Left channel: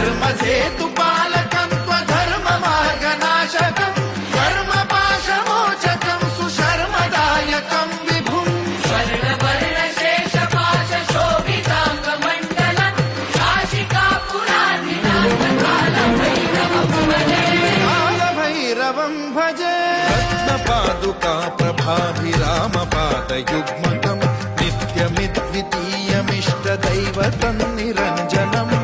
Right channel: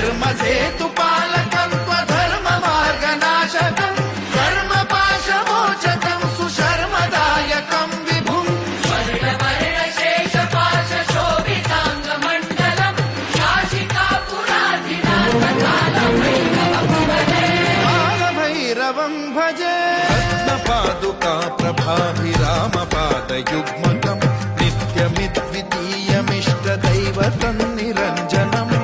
धर्मसेतुपालकं त्वधर्ममार्गनाशकं कर्मपाशमोचकं सुशर्मदायकं विभुम् कालभैरवं भजे रत्नपादुका प्रभाभिरामपादयुग्मकम् नित्यमिद्वितीयमिष्टदैवतं निरञ्जनम्